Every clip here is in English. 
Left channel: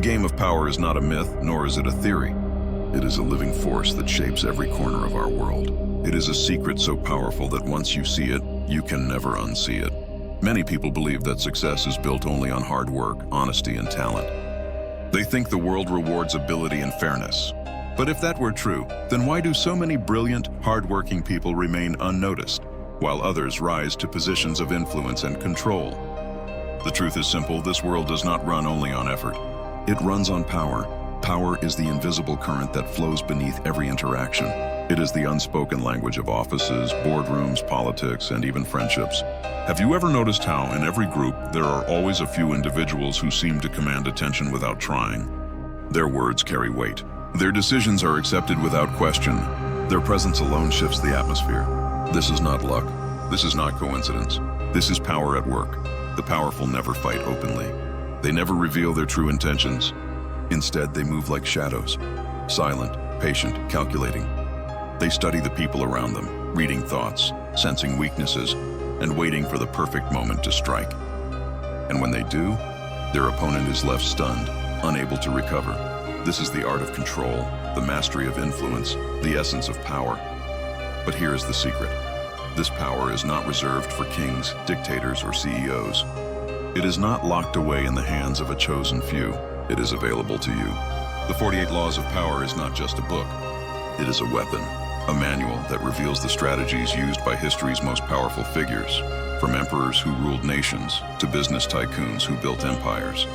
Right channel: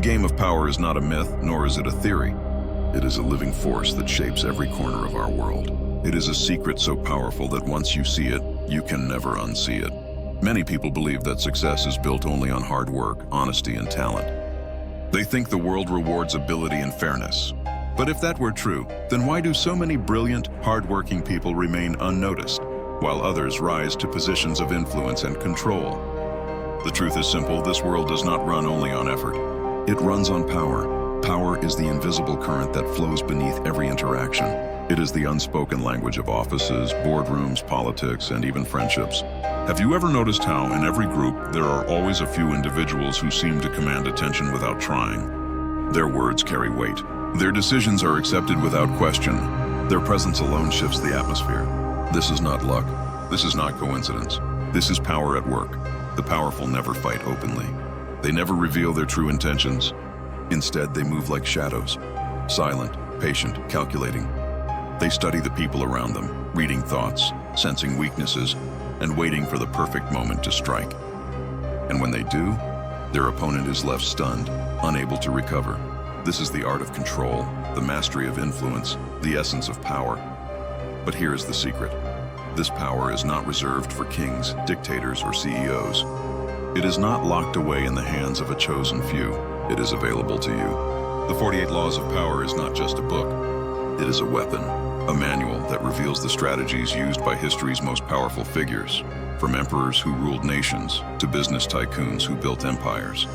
The game of power is not a myth, nor is it a theory. It is a living force that shapes every corner of our world. It is a secret so powerful that once you see it, you can never unsee it. Many people believe that success is built only on hard work, honesty, and talent. They think the world rewards ability and fairness. But if that were true, then why do so many brilliant, hard-working people remain unnoticed, while others rise to positions of influence and control? The truth is simple: this world does not run only on effort. It runs on power. Power is the invisible current that flows beneath every interaction. It is the unspoken language of offices, boardrooms, politics, and even friendships. Have you ever noticed how, in every group, there are always a few individuals who seem to command attention without trying? Their words carry weight. Their decisions are accepted without question. Their presence alone shifts the atmosphere. This is not luck. This is not coincidence. This is power at work. The powerful never fight openly. They never reveal their true intentions. Instead, they move like shadows, silent, patient, calculating. They study the people around them, reading thoughts, sensing weaknesses, and waiting for the perfect moment to strike. And when they do, their opponent is left stunned, unable to recover. This is the art of control, the mastery of influence, the essence of power. But here is the secret. This power is not reserved for kings, dictators, or CEOs. It is not locked away in the hands of a chosen few. It is available to you. The 48 Laws of Power is not just a book. It is a weapon, a manual that reveals the strategies used by history's most powerful figures, from emperors who ruled nations to business tycoons who built empires.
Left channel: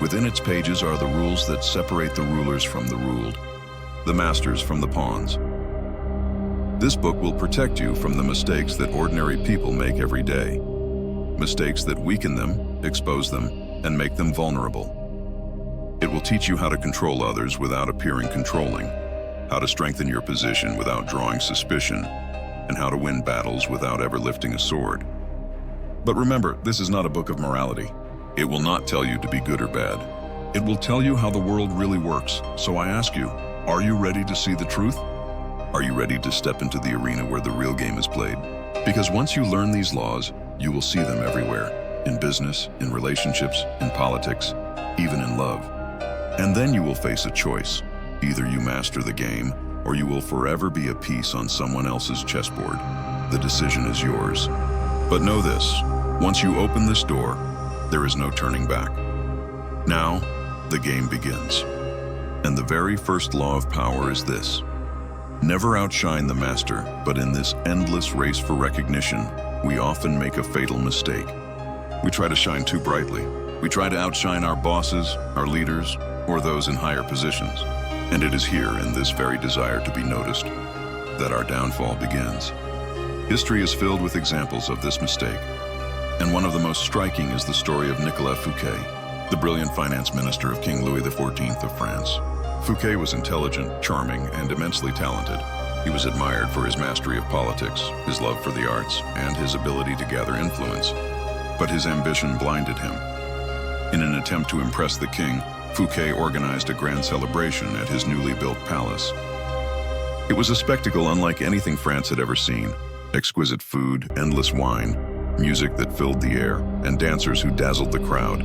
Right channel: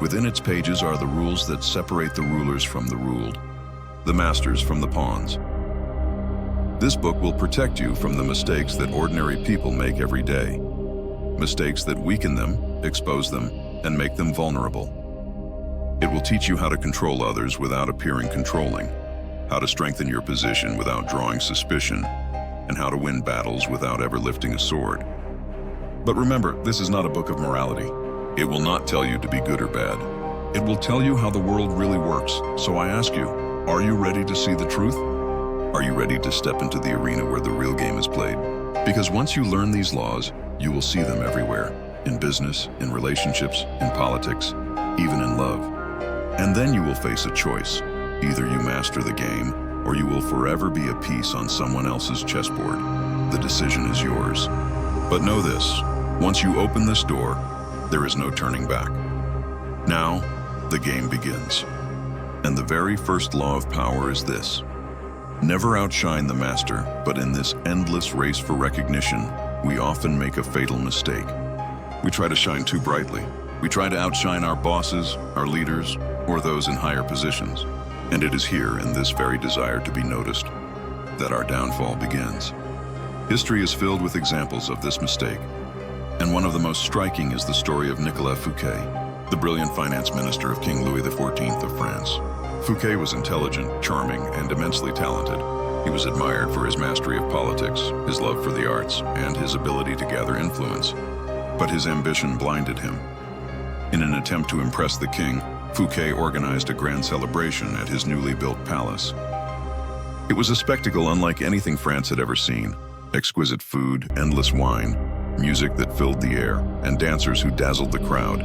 Within its pages are the rules that separate the rulers from the ruled, the masters from the pawns. This book will protect you from the mistakes that ordinary people make every day. Mistakes that weaken them, expose them, and make them vulnerable. It will teach you how to control others without appearing controlling, how to strengthen your position without drawing suspicion, and how to win battles without ever lifting a sword. But remember, this is not a book of morality. It will not tell you to be good or bad. It will tell you how the world really works. So I ask you, are you ready to see the truth? Are you ready to step into the arena where the real game is played? Because once you learn these laws, you will see them everywhere, in business, in relationships, in politics, even in love. And then you will face a choice. Either you master the game, or you will forever be a piece on someone else's chessboard. The decision is yours. But know this, once you open this door, there is no turning back. Now, the game begins. And the very first law of power is this: never outshine the master, but in this endless race for recognition, we often make a fatal mistake. We try to shine too brightly. We try to outshine our bosses, our leaders, or those in higher positions. And it is here, in this very desire to be noticed, that our downfall begins. History is filled with examples of this mistake. And one of the most striking is the story of Nicolas Fouquet, the brilliant finance minister of King Louis XIV of France. Fouquet was intelligent, charming, and immensely talented. He was admired for his mastery of politics, his love for the arts, and his ability to gather influence. But his ambition blinded him. In an attempt to impress the king, Fouquet organized a grand celebration at his newly built palace. It was a spectacle unlike anything France had ever seen. Exquisite food, endless wine, music that filled the air, and dancers who dazzled the crowd.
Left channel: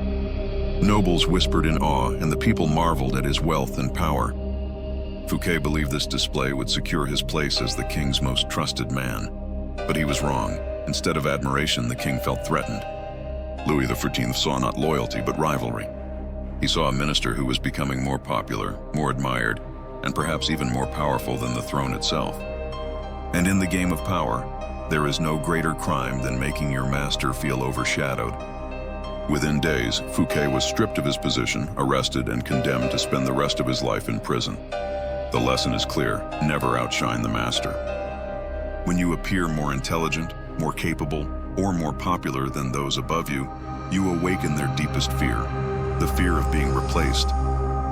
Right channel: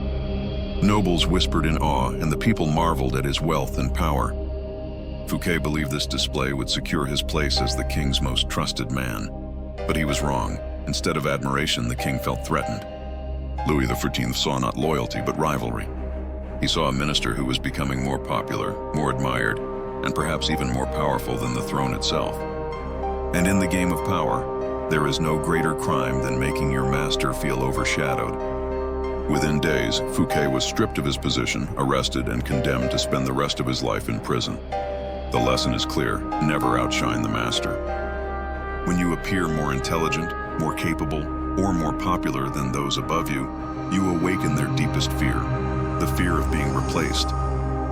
Nobles whispered in awe, and the people marveled at his wealth and power. Fouquet believed this display would secure his place as the king's most trusted man. But he was wrong. Instead of admiration, the king felt threatened. Louis XIV saw not loyalty, but rivalry. He saw a minister who was becoming more popular, more admired, and perhaps even more powerful than the throne itself. And in the game of power, there is no greater crime than making your master feel overshadowed. Within days, Fouquet was stripped of his position, arrested, and condemned to spend the rest of his life in prison. The lesson is clear: never outshine the master. When you appear more intelligent, more capable, or more popular than those above you, you awaken their deepest fear, the fear of being replaced.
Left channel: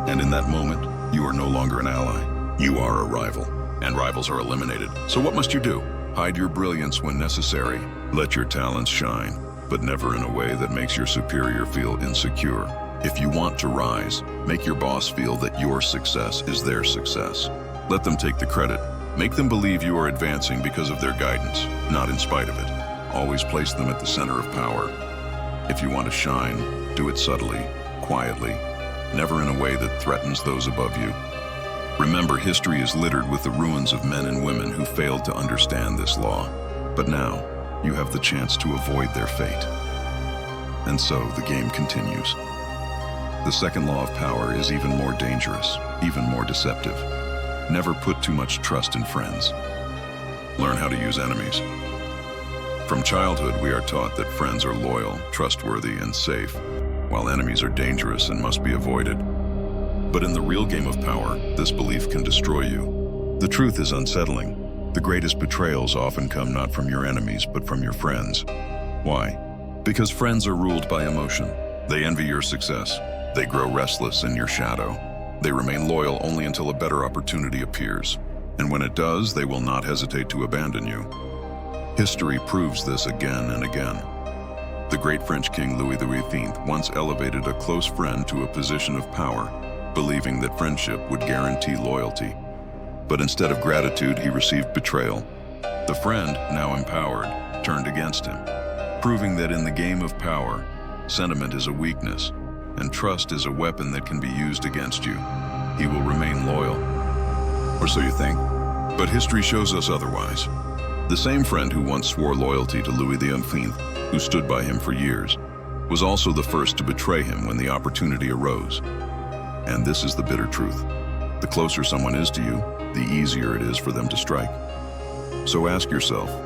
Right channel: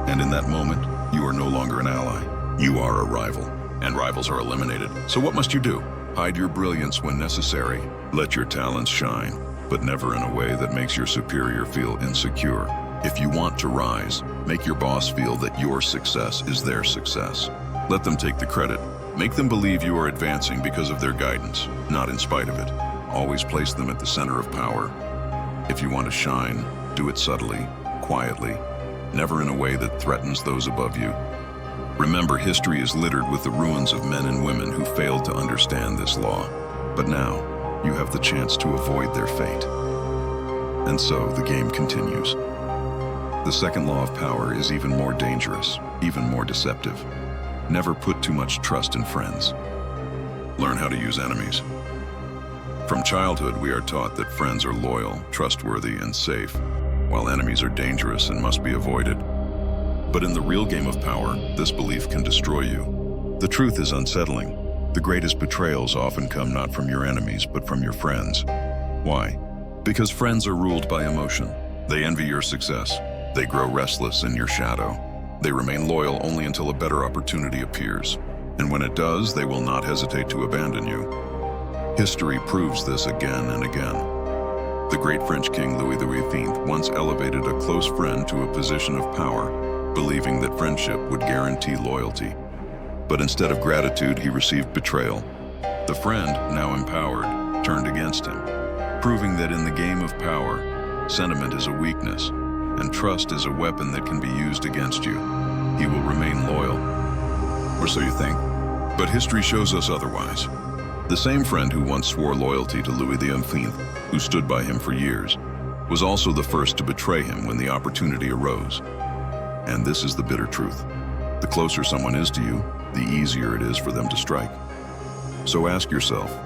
And in that moment, you are no longer an ally. You are a rival, and rivals are eliminated. So what must you do? Hide your brilliance when necessary. Let your talents shine, but never in a way that makes your superior feel insecure. If you want to rise, make your boss feel that your success is their success. Let them take the credit. Make them believe you are advancing because of their guidance, not in spite of it. Always place them at the center of power. If you want to shine, do it subtly, quietly, never in a way that threatens those above you. Remember, history is littered with the ruins of men and women who failed to understand this law. But now, you have the chance to avoid their fate. And so, the game continues. The second law of power is even more dangerous, even more deceptive. Never put too much trust in friends. Learn how to use enemies. From childhood, we are taught that friends are loyal, trustworthy, and safe, while enemies are dangerous and must be avoided. But in the real game of power, this belief can destroy you. The truth is unsettling. The greatest betrayals often come not from your enemies, but from your friends. Why? Because friends are ruled by emotion. They envy your success. They grow restless in your shadow. They remain loyal only until a better opportunity appears. And when it does, they will not hesitate to abandon you. History proves this again and again. The great French king Louis XVIII once elevated a close friend to a position of power, believing that friendship would guarantee loyalty. But instead of gratitude, he received betrayal. The friend, now empowered, turned against him, proving that in the game of power, sentiment is a weakness, and trust is a weapon that can be used against you. He will remain loyal. Or so you think. But history shows us otherwise. The same friend who once swore loyalty to Louis XVIII, who stood by him for years, was also the first to betray him when the opportunity arose. And this is the bitter truth. The closer someone is to you, the easier it is for them to strike. So ask yourself,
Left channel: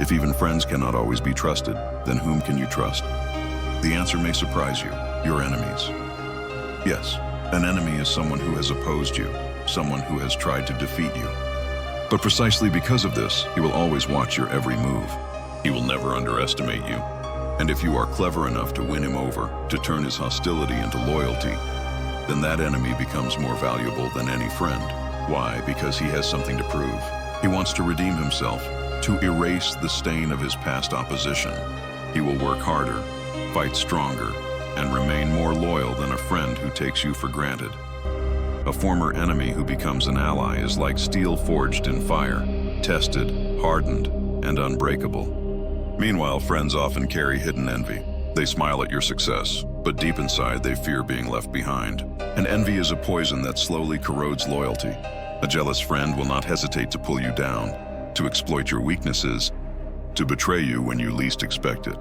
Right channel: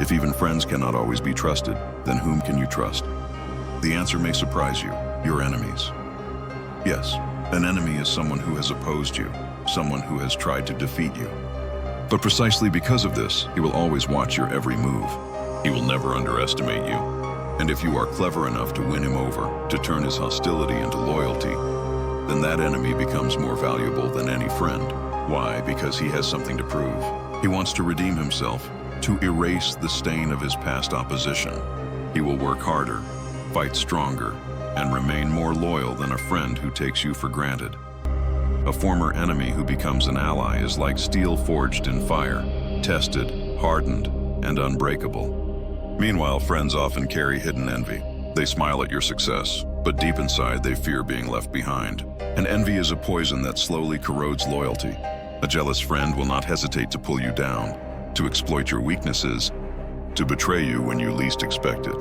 if even friends cannot always be trusted, then whom can you trust? The answer may surprise you: your enemies. Yes, an enemy is someone who has opposed you, someone who has tried to defeat you. But precisely because of this, he will always watch your every move. He will never underestimate you. And if you are clever enough to win him over, to turn his hostility into loyalty, then that enemy becomes more valuable than any friend. Why? Because he has something to prove. He wants to redeem himself, to erase the stain of his past opposition. He will work harder, fight stronger, and remain more loyal than a friend who takes you for granted. A former enemy who becomes an ally is like steel forged in fire, tested, hardened, and unbreakable. Meanwhile, friends often carry hidden envy. They smile at your success, but deep inside they fear being left behind. And envy is a poison that slowly corrodes loyalty. A jealous friend will not hesitate to pull you down, to exploit your weaknesses, to betray you when you least expect it.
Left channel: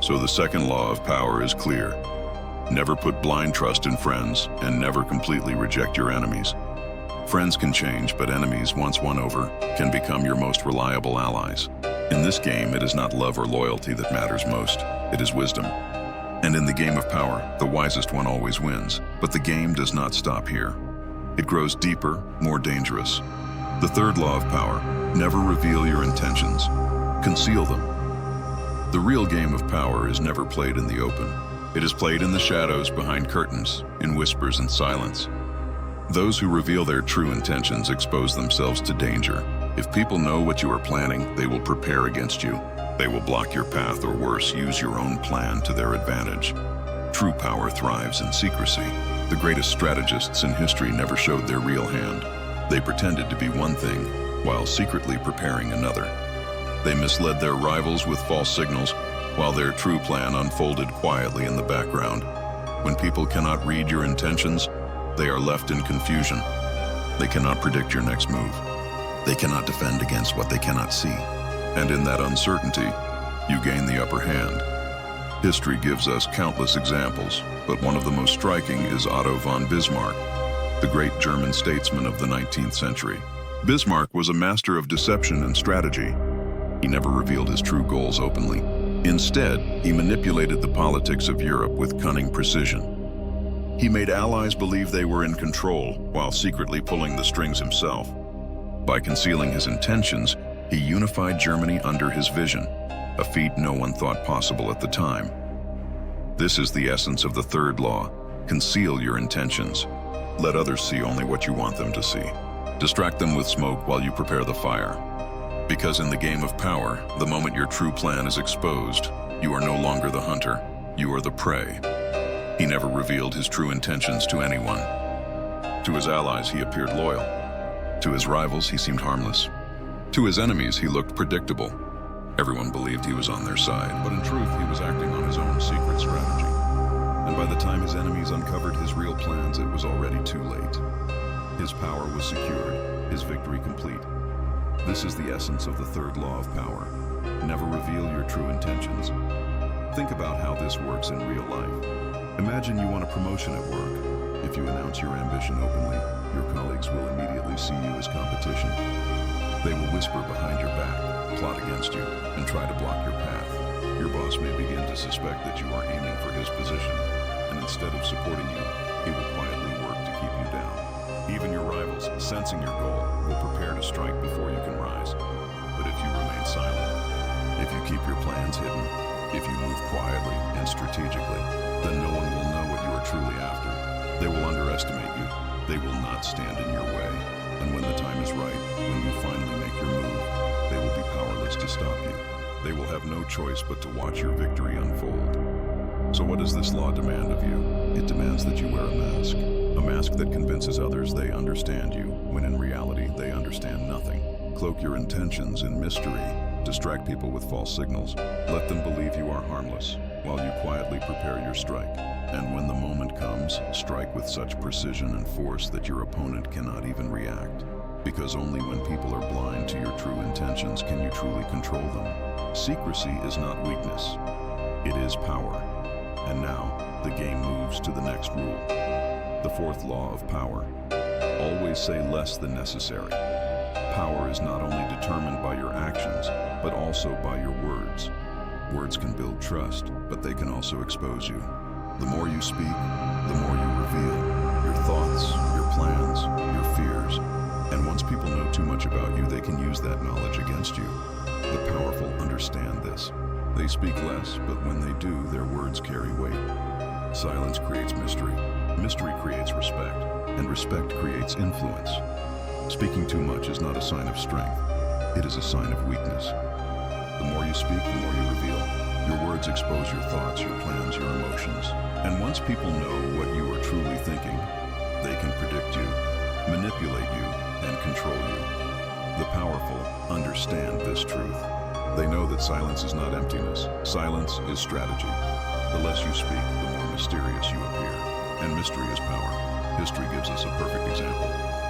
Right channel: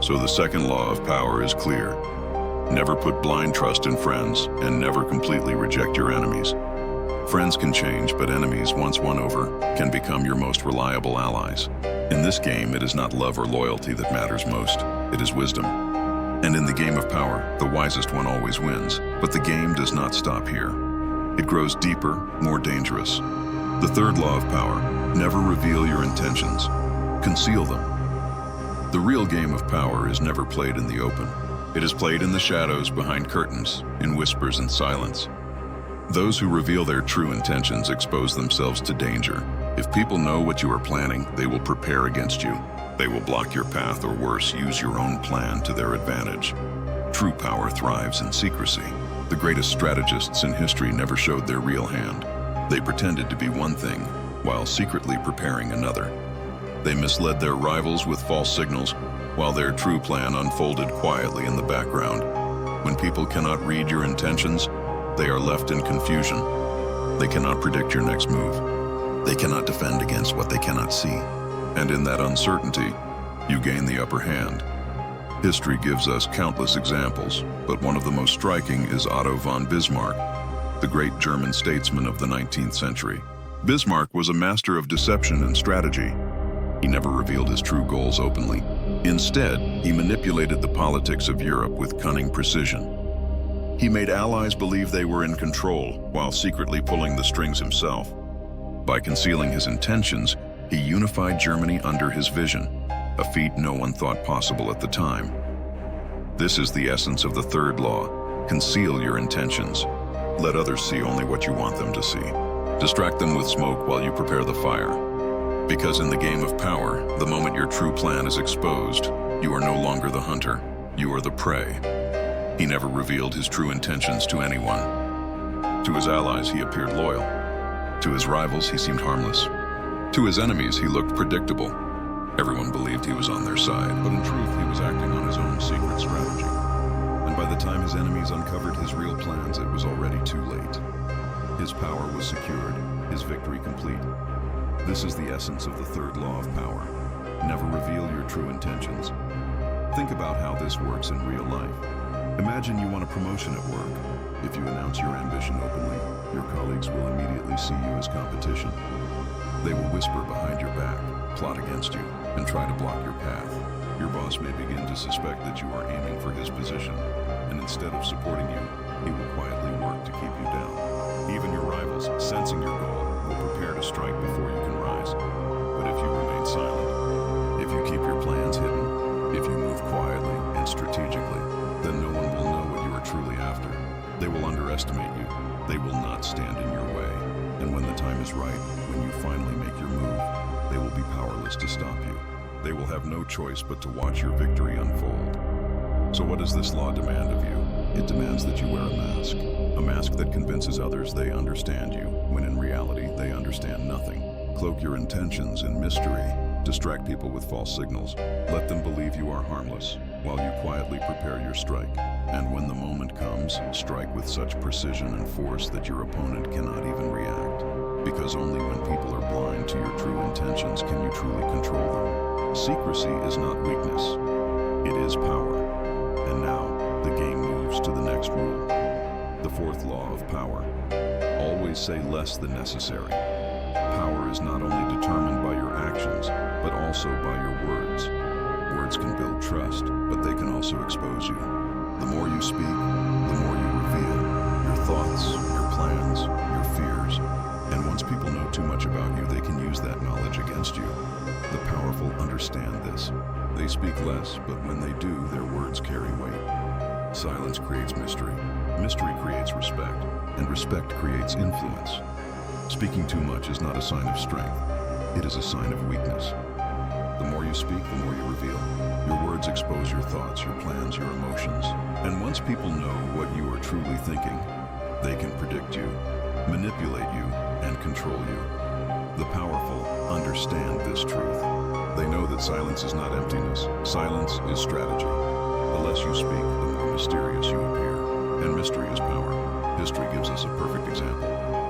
So the second law of power is clear. Never put blind trust in friends, and never completely reject your enemies. Friends can change, but enemies, once won over, can become your most reliable allies. In this game, it is not love or loyalty that matters most. It is wisdom. And in the game of power, the wisest one always wins. But the game does not stop here. It grows deeper, more dangerous. The third law of power: never reveal your intentions. Conceal them. The real game of power is never played in the open. It is played in the shadows, behind curtains, in whispers and silence. Those who reveal their true intentions expose themselves to danger. If people know what you are planning, they will prepare against you. They will block your path, or worse, use your own plan to their advantage. True power thrives in secrecy. The greatest strategists in history never showed their real hand. They pretended to be one thing, while secretly preparing another. They misled their rivals with false signals, while their true plan unfolded quietly in the background. When people cannot read your intentions, they are left in confusion. They cannot predict your next move. They cannot defend against what they cannot see. And in that uncertainty, you gain the upper hand. History gives us countless examples, but one of the most striking is Otto von Bismarck, the great German statesman of the 19th century. Bismarck was a master of deception and strategy. He never revealed his true goals openly. Instead, he manipulated the politics of Europe with cunning precision. He made allies believe they were in control, while secretly pulling the strings himself. By concealing his intentions, he unified Germany under his vision, a feat no one thought possible at the time. This is the essence of the third law: conceal your intentions. Let others see only what you want them to see. Distract them with smoke while you prepare the fire. Because in the game of power, the moment your true plan is exposed, you are no longer the hunter, you are the prey. He never revealed his true intentions to anyone. To his allies, he appeared loyal. To his rivals, he seemed harmless. To his enemies, he looked predictable. Everyone believed he was on their side, but in truth, he was acting on his own secret strategy. And by the time his enemies uncovered his real plans, it was already too late. His power was secured, his victory complete. This is the essence of the third law of power. Never reveal your true intentions. Think about how this works in real life. Imagine you want a promotion at work. If you announce your ambition openly, your colleagues will immediately see you as competition. They will whisper behind your back, plot against you, and try to block your path. Your boss may begin to suspect that you are aiming for his position, and instead of supporting you, he will quietly work to keep you down. Even your rivals, sensing your goal, will prepare to strike before you can rise. But if you remain silent, if you keep your plans hidden, if you move quietly and strategically, then no one will know what you are truly after. They will underestimate you. They will not stand in your way. And when the time is right, when you finally make your move, they will be powerless to stop you. They will have no choice but to watch your victory unfold. So what does this law demand of you? It demands that you wear a mask. A mask that convinces others they understand you, when in reality they understand nothing. Cloak your intentions in mystery. Distract people with false signals. Let them believe you are harmless, while you quietly prepare your strike. And when the moment comes, strike with such precision and force that your opponent cannot even react. Because only when people are blind to your true intentions can you truly control them. Secrecy is not weakness. It is power. And now, the game moves to the next rule. The fourth law of power. Always say less than necessary. Power is not only determined by your actions, but also by your words. Words can build trust, but they can also expose you. The more you speak, the more you reveal your thoughts, your plans, your fears. And once people know too much about you, they can use that knowledge against you. The powerful understand this. They speak less, but when they do, their words carry weight. Silence creates mystery. Mystery creates respect, and respect creates influence. Speaking too much is not a sign of strength. It is a sign of weakness. The more you speak, the more you reveal. Your words expose your thoughts, your plans, your emotions. And once people know what you are truly thinking, they can predict you, manipulate you, and control you. The powerful understand this truth. They know that silence is not emptiness. Silence is strategy. The less you speak, the more mysterious you appear. And mystery is power. History gives us a perfect example.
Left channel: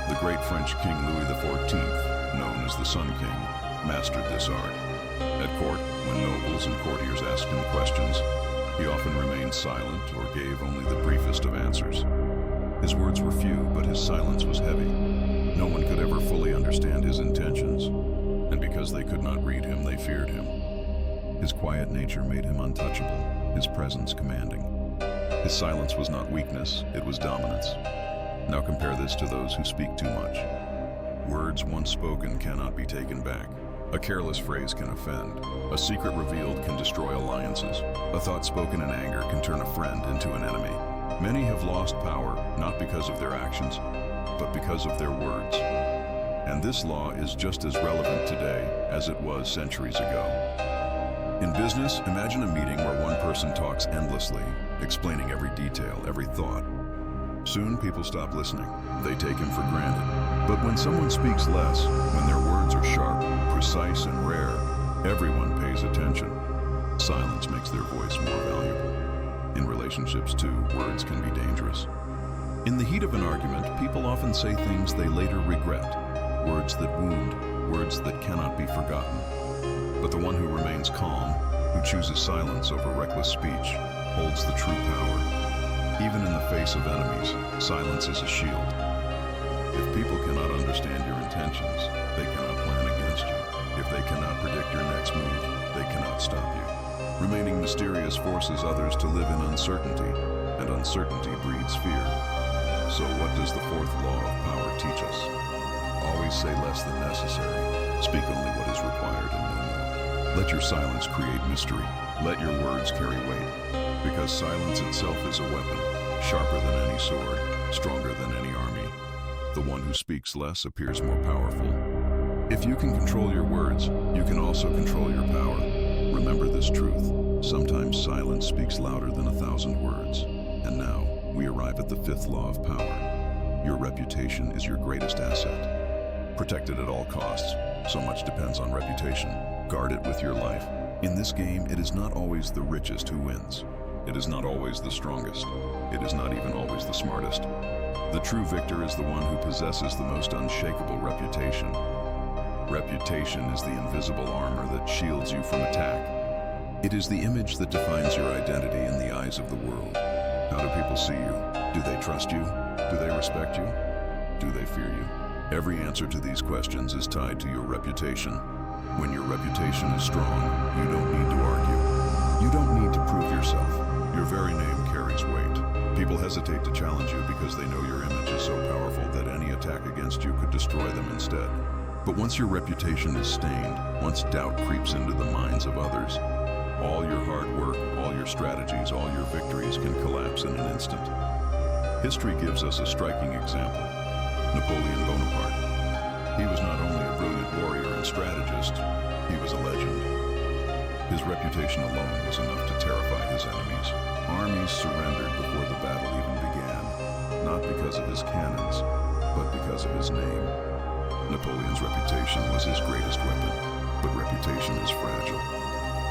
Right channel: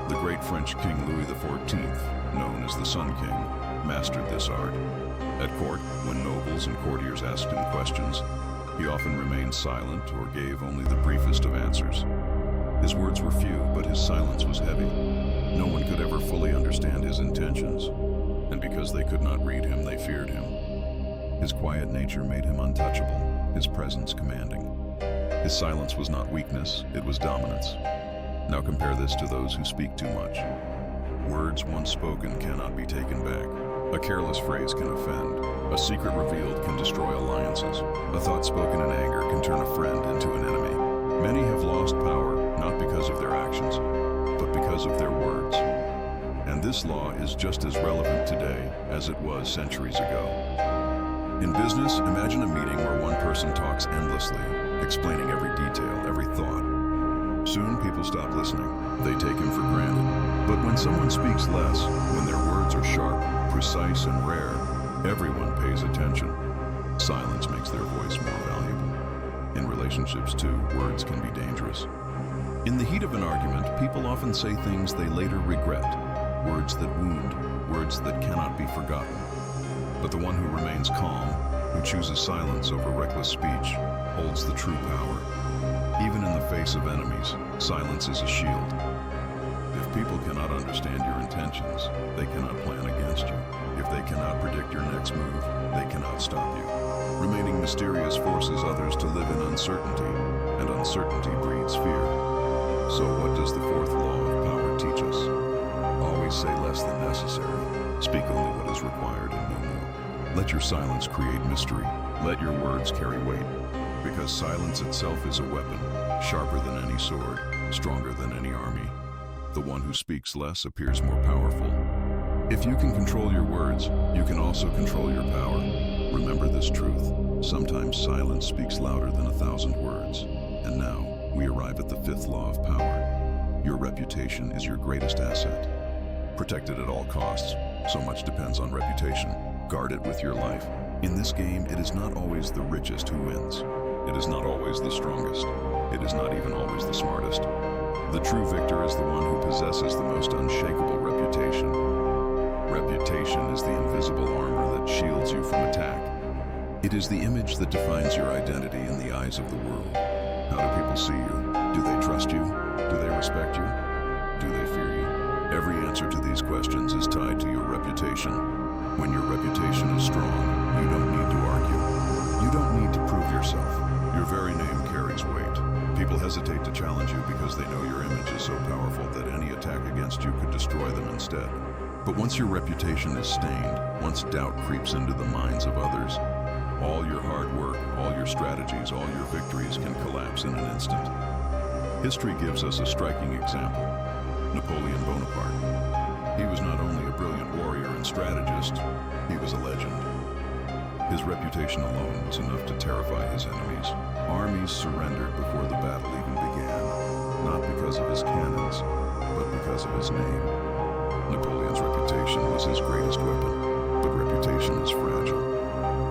The great French King Louis XIV, known as the Sun King, mastered this art. At court, when nobles and courtiers asked him questions, he often remained silent or gave only the briefest of answers. His words were few, but his silence was heavy. No one could ever fully understand his intentions, and because they could not read him, they feared him. His quiet nature made him untouchable, his presence commanding. His silence was not weakness, it was dominance. Now compare this to those who speak too much. Words once spoken cannot be taken back. A careless phrase can offend. A secret revealed can destroy alliances. A thought spoken in anger can turn a friend into an enemy. Many have lost power, not because of their actions, but because of their words. And this law is just as relevant today as it was centuries ago. In business, imagine a meeting where one person talks endlessly, explaining every detail, every thought. Soon people stop listening. They take him for granted. But when someone speaks less, when their words are sharp, precise, and rare, everyone pays attention. Silence makes their voice more valuable. In relationships, too, words can be dangerous. In the heat of an argument, people often say things they later regret. Words that wound, words that cannot be forgotten. But the one who remains calm, who chooses silence over reckless speech, holds the true power. Even in the face of enemies, silence is a shield. If people cannot understand your intentions, they cannot plan against you. If they cannot predict your next move, they cannot stop you. Remaining mysterious forces others to live in uncertainty, and uncertainty breeds fear. So what does the fourth law of power teach us? Always say less than necessary. Speak only what is required and no more. Let your silence create mystery. Let your words carry weight. Because silence itself is a weapon, sharper than any sword, stronger than any army. The one who speaks less appears more powerful. If you can control your words, you can also control your power. Remember this truth. Sometimes silence speaks louder than 1,000 words. And now, we arrive at the fifth law of power. Your reputation is your greatest asset. Protect it at all costs. So much depends on reputation. Guard it with your life. In this game, it is not always the richest who wins. It is not always the strongest. It is not even always the smartest. The true victor is the one who possesses the most unshakable reputation. Reputation is the invisible armor that shields you from attack. It is the image that defines your identity in the eyes of the world. How do people see you? Do they trust you? Do they respect you? Do they fear you? Every answer to these questions is tied to your reputation. When your reputation is strong, you don't need to argue. You don't need to prove yourself. Your very name carries weight. People hesitate to challenge you because they know your image is so powerful that any attack against you could destroy them instead. But once your reputation is stained, once doubt creeps into the minds of others, all your hard work, all your strategies, all your victories can collapse in an instant. History gives us a striking example. Napoleon Bonaparte. He was not only a brilliant warrior and strategist, he was a legend. His reputation alone was enough to terrify his enemies. Armies surrendered before the battle even began, not because of his cannons, but because of his name. Napoleon's reputation was his greatest weapon, but reputation is fragile.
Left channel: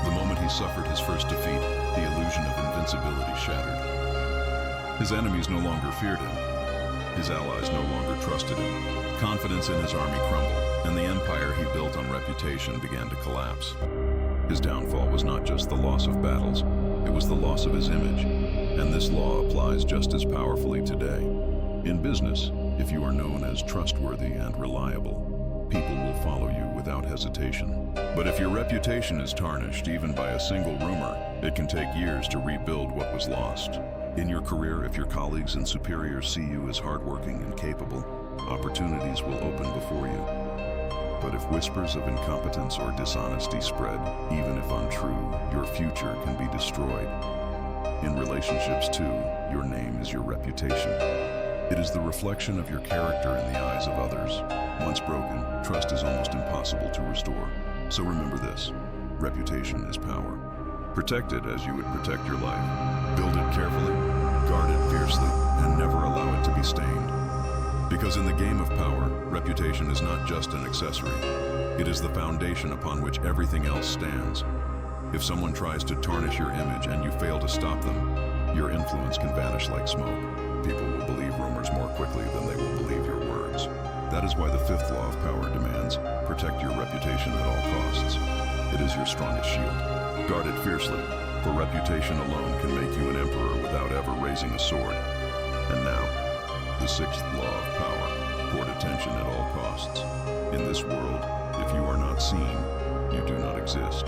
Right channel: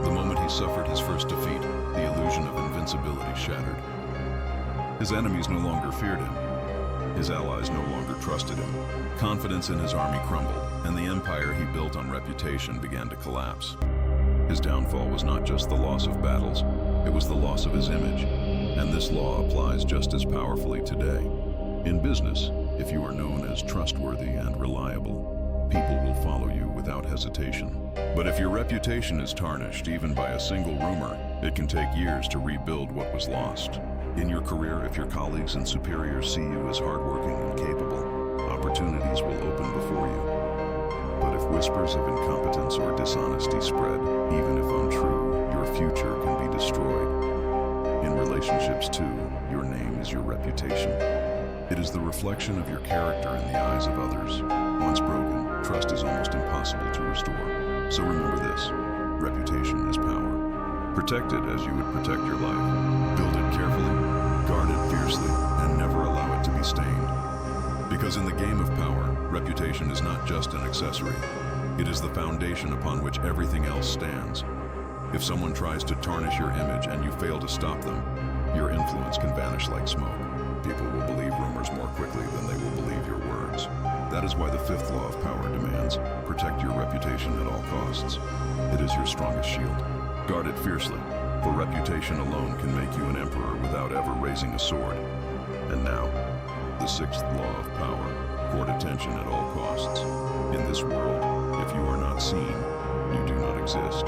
The moment he suffered his first defeat, the illusion of invincibility shattered. His enemies no longer feared him. His allies no longer trusted him. Confidence in his army crumbled, and the empire he built on reputation began to collapse. His downfall was not just the loss of battles, it was the loss of his image. And this law applies just as powerfully today. In business, if you are known as trustworthy and reliable, people will follow you without hesitation. But if your reputation is tarnished even by a single rumor, it can take years to rebuild what was lost. In your career, if your colleagues and superiors see you as hardworking and capable, opportunities will open before you. But if whispers of incompetence or dishonesty spread, even if untrue, your future can be destroyed. In relationships too, your name is your reputation. It is the reflection of your character in the eyes of others. Once broken, trust is almost impossible to restore. So remember this, reputation is power. Protect it as you would protect your life. Build it carefully, guard it fiercely, and never allow it to be stained. Because in the game of power, reputation is not just an accessory. It is the foundation upon which everything else stands. If someone tries to tarnish your image and you fail to stop them, your influence can vanish like smoke. People will believe rumors more quickly than they will believe your words. That is why the fifth law of power demands, protect your reputation at all costs. It is your strongest shield. Guard it fiercely, for reputation alone can make you an emperor without ever raising a sword. And now, the sixth law of power, court attention at all costs. In this world, if you are not seen, you do not exist.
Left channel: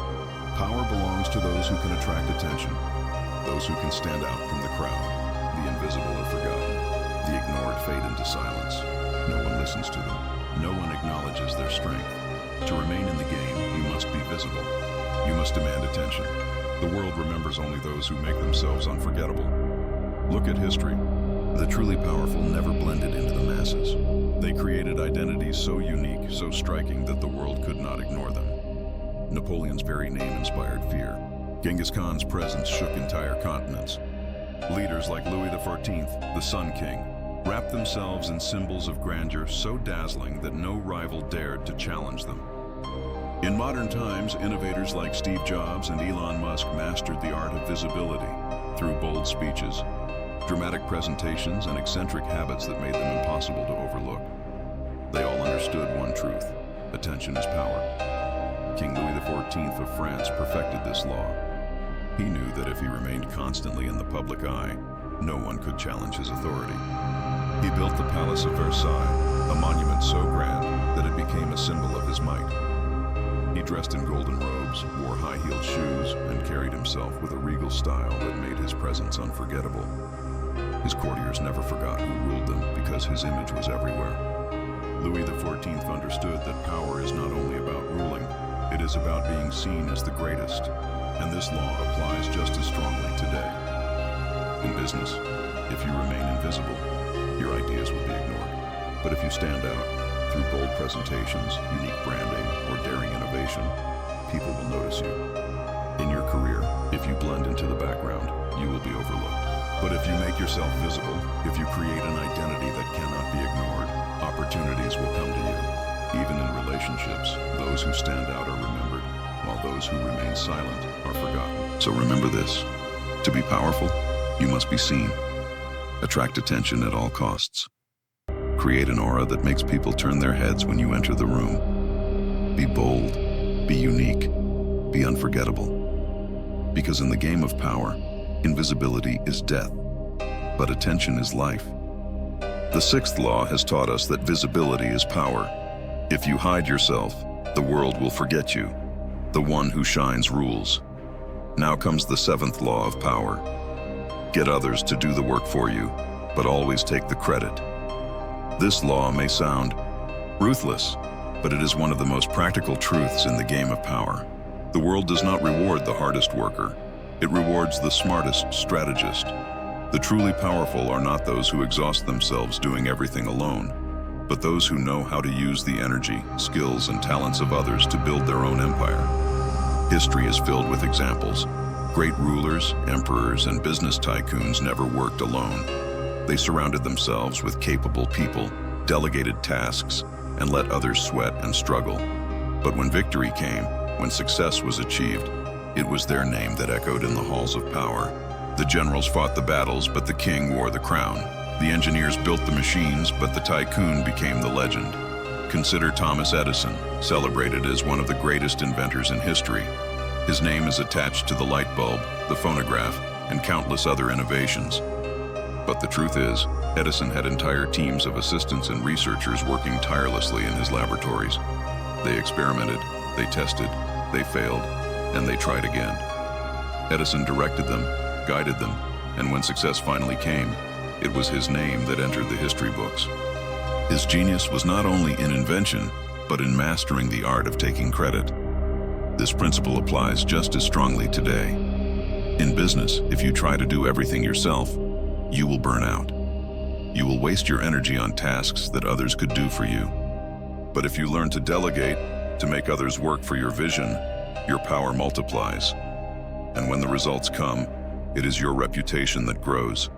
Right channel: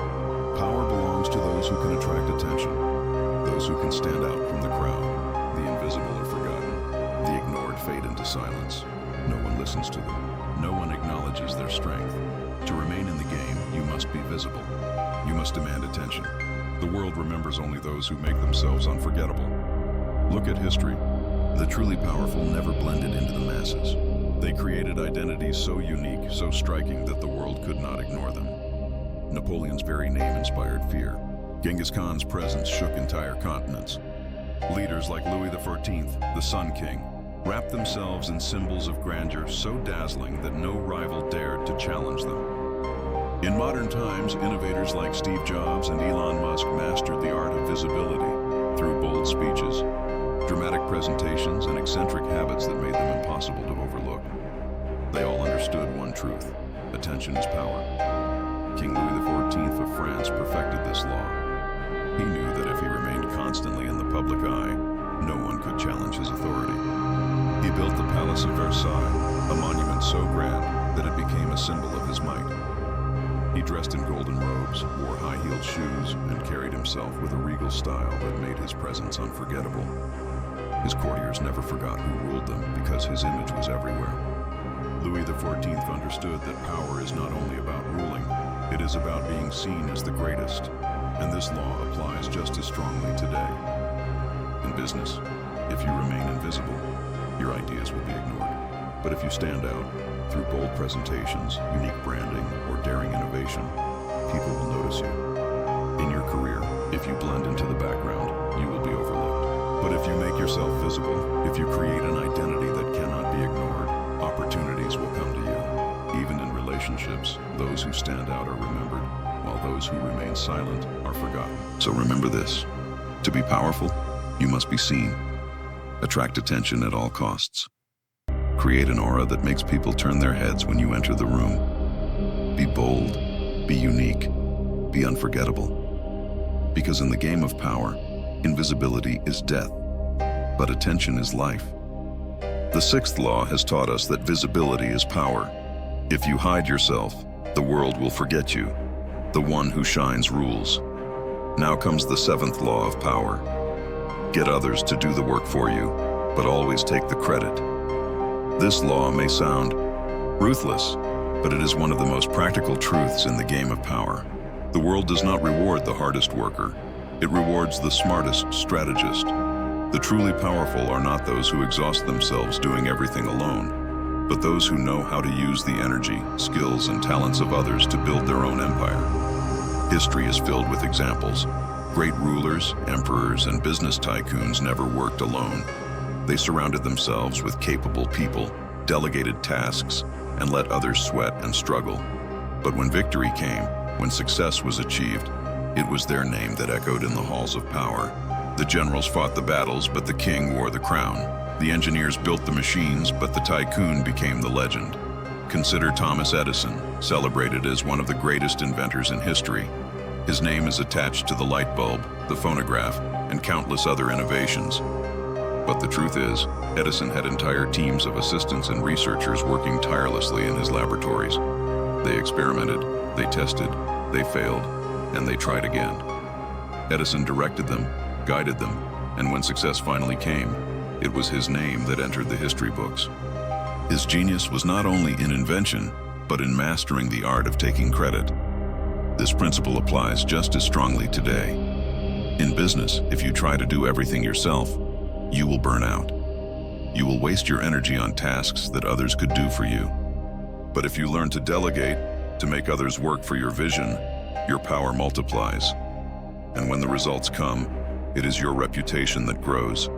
Power belongs to those who can attract attention, those who can stand out from the crowd. The invisible are forgotten. The ignored fade into silence. No one listens to them. No one acknowledges their strength. To remain in the game, you must be visible. You must demand attention. The world remembers only those who make themselves unforgettable. Look at history. The truly powerful never blended into the masses. They created identities so unique, so striking that the world could not ignore them. Napoleon's very name inspired fear. Genghis Khan's presence shook entire continents. Leaders like Louis XIV, the Sun King, wrapped themselves in symbols of grandeur so dazzling that no rival dared to challenge them. In modern times, innovators like Steve Jobs and Elon Musk mastered the art of visibility through bold speeches, dramatic presentations, and eccentric habits that made them impossible to overlook. They all understood one truth: attention is power. King Louis XIV of France perfected this law. He knew that if he remained constantly in the public eye, no one could challenge his authority. He built the Palace of Versailles, a monument so grand that it became a symbol of his might. He dressed in golden robes, wore high-heeled shoes, and carried himself with a regal style that made his presence unforgettable. His courtiers never forgot who ruled them because his image was everywhere. Louis XIV understood that power is not only about ruling, it is about being seen as the greatest, and this law applies just as strongly today. In business, if you remain invisible, your ideas will be ignored. But if you stand out, through bold presentations, unique branding, or daring innovation, people will notice you. In your career, if you blend into the background, you will be overlooked. But if you make yourself visible, if you create an identity that cannot be ignored, opportunities will come to you. Even in relationships, those who stand out are remembered, while those who remain silent are forgotten. So remember this: To be powerful, you must be seen. Attract attention at all costs. Create an aura that makes people turn their heads when you enter the room. Be bold, be unique, be unforgettable. Because in the game of power, invisibility is death, but attention is life. The sixth law has taught us that visibility is power. If you hide yourself, the world will forget you. The one who shines rules. Now comes the seventh law of power. Get others to do the work for you, but always take the credit. This law may sound ruthless, but it is one of the most practical truths in the game of power. The world does not reward the hardest worker. It rewards the smartest strategist. The truly powerful are not those who exhaust themselves doing everything alone, but those who know how to use the energy, skills, and talents of others to build their own empire. History is filled with examples. Great rulers, emperors, and business tycoons never worked alone. They surrounded themselves with capable people, delegated tasks, and let others sweat and struggle. But when victory came, when success was achieved, it was their name that echoed in the halls of power. The generals fought the battles, but the king wore the crown. The engineers built the machines, but the tycoon became the legend. Consider Thomas Edison, celebrated as one of the greatest inventors in history. His name is attached to the light bulb, the phonograph, and countless other innovations. But the truth is, Edison had entire teams of assistants and researchers working tirelessly in his laboratories. They experimented, they tested, they failed, and they tried again. Edison directed them, guided them, and when success finally came, it was his name that entered the history books. His genius was not only in invention, but in mastering the art of taking credit. This principle applies just as strongly today. In business, if you try to do everything yourself, you will burn out. You will waste your energy on tasks that others could do for you. But if you learn to delegate, to make others work for your vision, your power multiplies. And when the results come, it is your reputation that grows.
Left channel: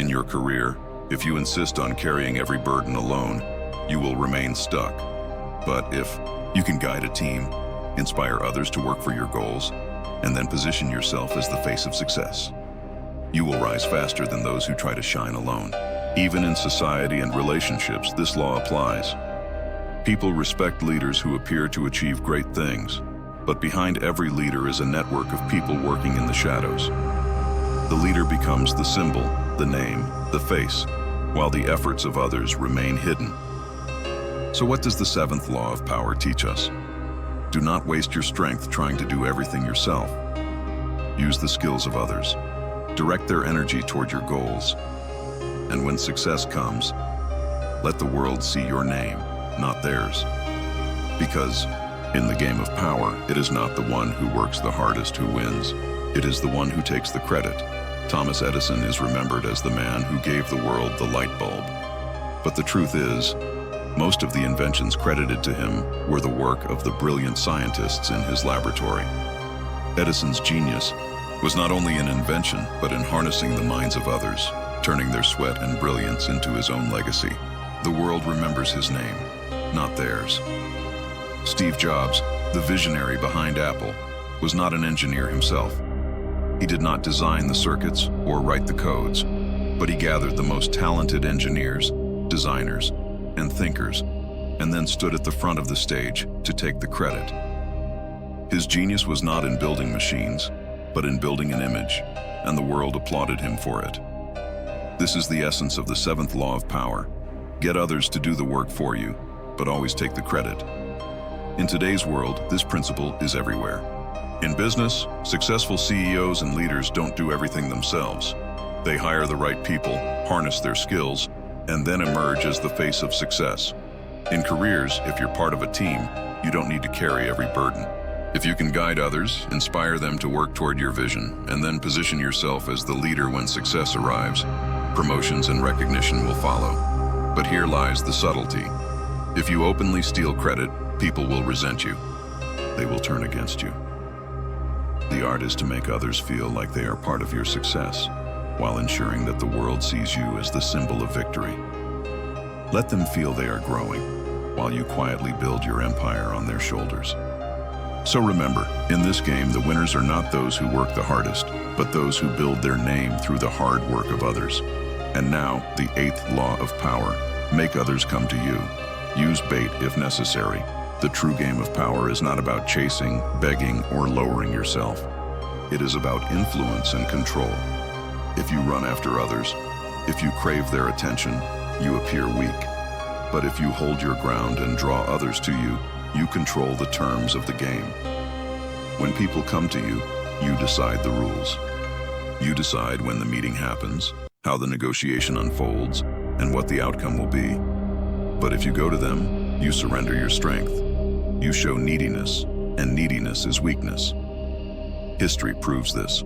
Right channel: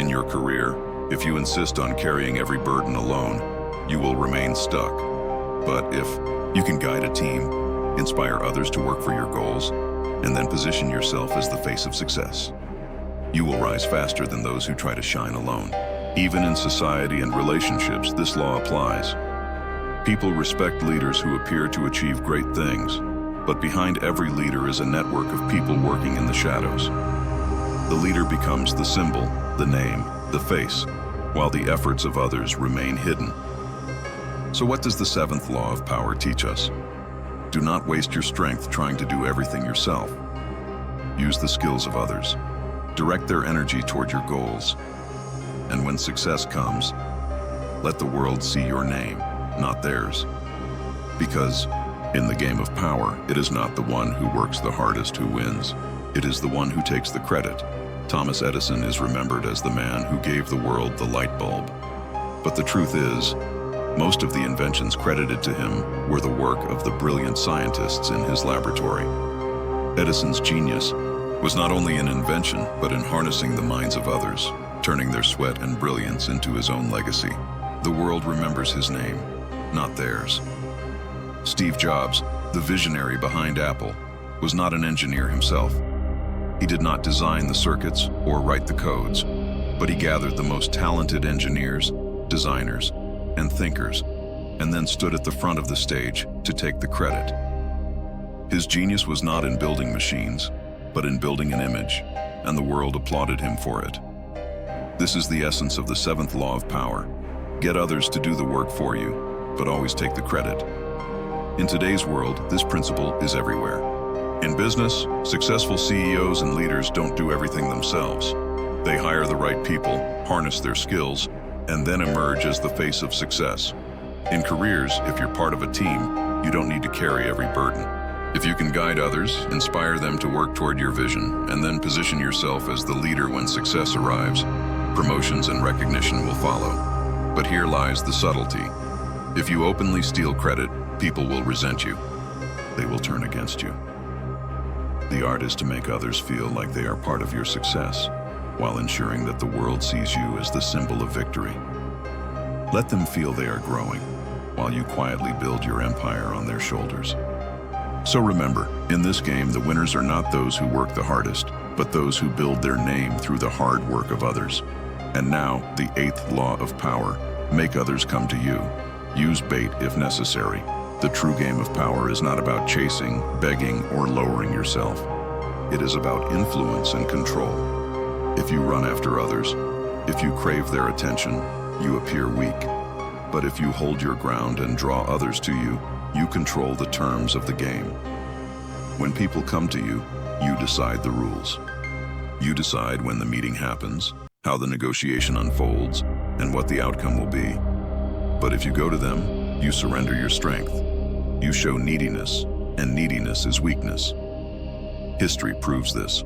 In your career, if you insist on carrying every burden alone, you will remain stuck. But if you can guide a team, inspire others to work for your goals, and then position yourself as the face of success, you will rise faster than those who try to shine alone. Even in society and relationships, this law applies. People respect leaders who appear to achieve great things, but behind every leader is a network of people working in the shadows. The leader becomes the symbol, the name, the face, while the efforts of others remain hidden. So what does the seventh law of power teach us? Do not waste your strength trying to do everything yourself. Use the skills of others. Direct their energy toward your goals. And when success comes, let the world see your name, not theirs. Because in the game of power, it is not the one who works the hardest who wins. It is the one who takes the credit. Thomas Edison is remembered as the man who gave the world the light bulb. But the truth is, most of the inventions credited to him were the work of the brilliant scientists in his laboratory. Edison's genius was not only in invention, but in harnessing the minds of others, turning their sweat and brilliance into his own legacy. The world remembers his name, not theirs. Steve Jobs, the visionary behind Apple, was not an engineer himself. He did not design the circuits or write the codes, but he gathered the most talented engineers, designers, and thinkers, and then stood at the front of the stage to take the credit. His genius was not in building machines, but in building an image, and the world applauded him for it. This is the essence of the seventh law of power. Get others to do the work for you, but always take the credit. In today's world, this principle is everywhere. In business, successful CEOs and leaders don't do everything themselves. They hire the right people, harness their skills, and then emerge as the face of success. In careers, if you're part of a team, you don't need to carry every burden. If you can guide others, inspire them to work toward your vision, and then position yourself as the leader when success arrives, promotions and recognition will follow. But here lies the subtlety. If you openly steal credit, people will resent you. They will turn against you. The art is to make others feel like they are part of your success, while ensuring that the world sees you as the symbol of victory. Let them feel they are growing, while you quietly build your empire on their shoulders. So remember, in this game, the winners are not those who work the hardest, but those who build their name through the hard work of others. And now, the 8th law of power: make others come to you. Use bait if necessary. The true game of power is not about chasing, begging, or lowering yourself. It is about influence and control. If you run after others, if you crave their attention, you appear weak. But if you hold your ground and draw others to you, you control the terms of the game. When people come to you, you decide the rules. You decide when the meeting happens, how the negotiation unfolds, and what the outcome will be. But if you go to them, you surrender your strength. You show neediness, and neediness is weakness. History proves this.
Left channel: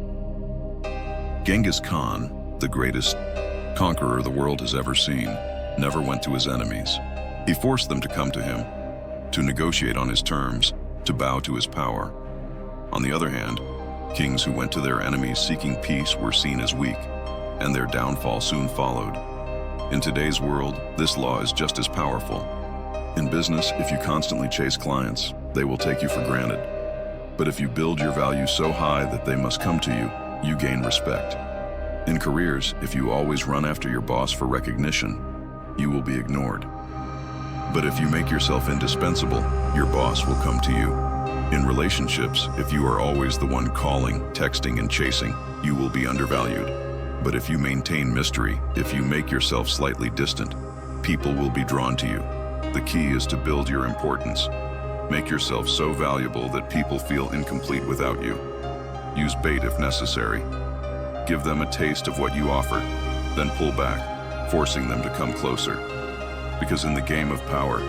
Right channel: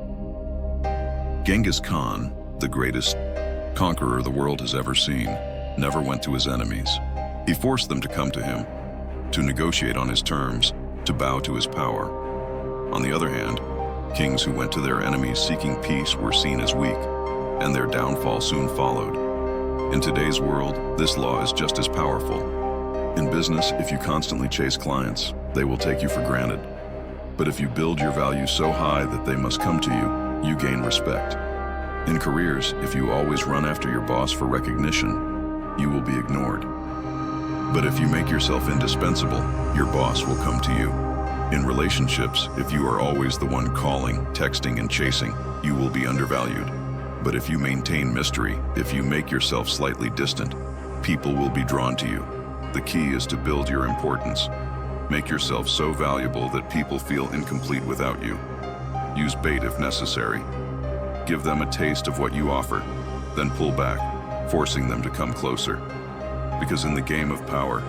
Genghis Khan, the greatest conqueror the world has ever seen, never went to his enemies. He forced them to come to him, to negotiate on his terms, to bow to his power. On the other hand, kings who went to their enemies seeking peace were seen as weak, and their downfall soon followed. In today's world, this law is just as powerful. In business, if you constantly chase clients, they will take you for granted. But if you build your value so high that they must come to you, you gain respect. In careers, if you always run after your boss for recognition, you will be ignored. But if you make yourself indispensable, your boss will come to you. In relationships, if you are always the one calling, texting, and chasing, you will be undervalued. But if you maintain mystery, if you make yourself slightly distant, people will be drawn to you. The key is to build your importance. Make yourself so valuable that people feel incomplete without you. Use bait if necessary. Give them a taste of what you offer, then pull back, forcing them to come closer. Because in the game of power,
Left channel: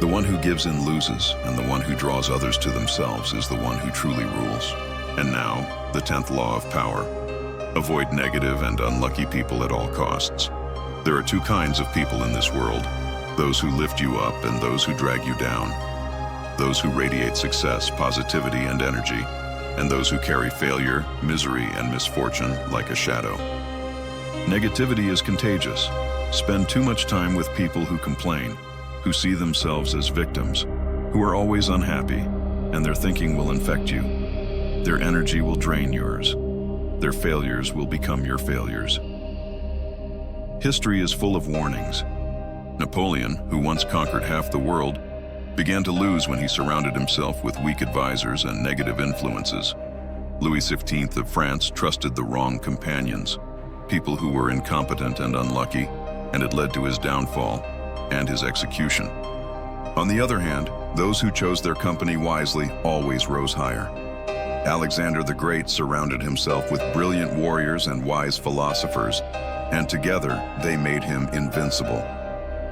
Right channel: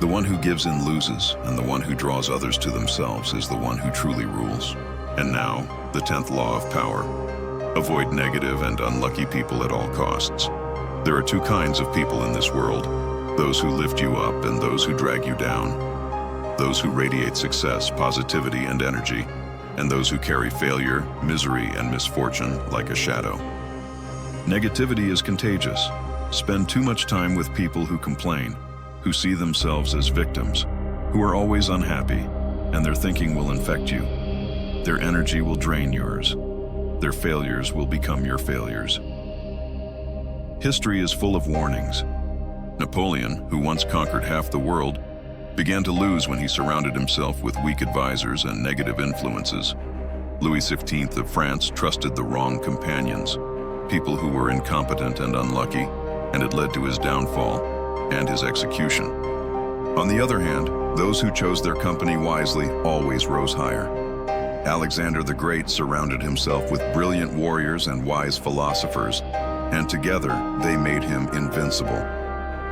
the one who gives in loses, and the one who draws others to themselves is the one who truly rules. And now, the 10th law of power: avoid negative and unlucky people at all costs. There are two kinds of people in this world: those who lift you up and those who drag you down. Those who radiate success, positivity, and energy, and those who carry failure, misery, and misfortune like a shadow. Negativity is contagious. Spend too much time with people who complain, who see themselves as victims, who are always unhappy, and their thinking will infect you. Their energy will drain yours. Their failures will become your failures. History is full of warnings. Napoleon, who once conquered half the world, began to lose when he surrounded himself with weak advisors and negative influences. Louis XV of France trusted the wrong companions, people who were incompetent and unlucky, and it led to his downfall and his execution. On the other hand, those who chose their company wisely always rose higher. Alexander the Great surrounded himself with brilliant warriors and wise philosophers, and together they made him invincible.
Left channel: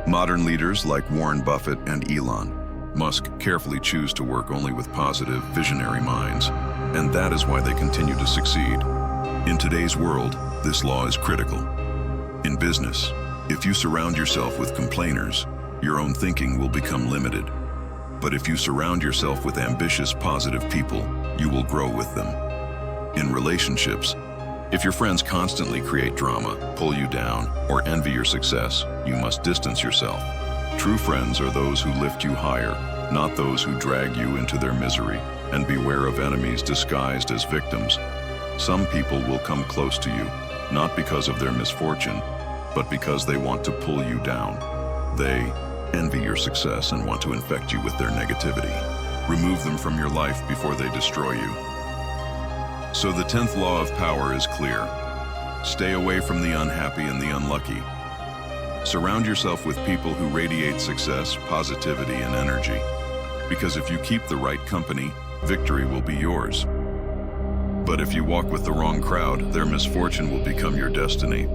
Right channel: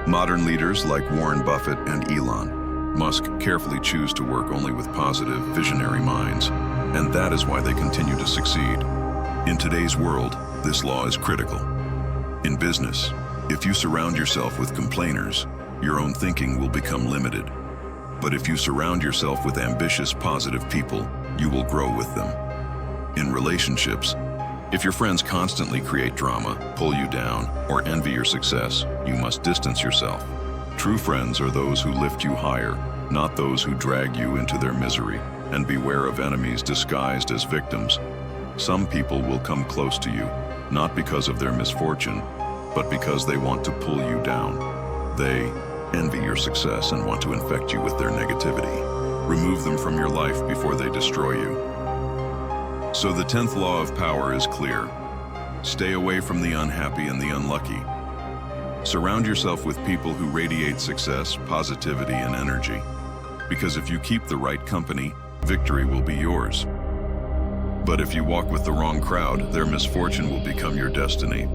Modern leaders like Warren Buffett and Elon Musk carefully choose to work only with positive, visionary minds, and that is why they continue to succeed. In today's world, this law is critical. In business, if you surround yourself with complainers, your own thinking will become limited. But if you surround yourself with ambitious, positive people, you will grow with them. In relationships, if your friends constantly create drama, pull you down, or envy your success, you must distance yourself. True friends are those who lift you higher, not those who drag you into their misery. And beware of enemies disguised as victims. Some people will come close to you, not because of their misfortune, but because they want to pull you down. They envy your success and want to infect you with their negativity. Remove them from your life before they destroy you. So the 10th law of power is clear. Stay away from the unhappy and the unlucky. Surround yourself with people who radiate success, positivity, and energy. Because if you keep the right company, victory will be yours. But if you walk with the wrong crowd, their misfortune will become your destiny.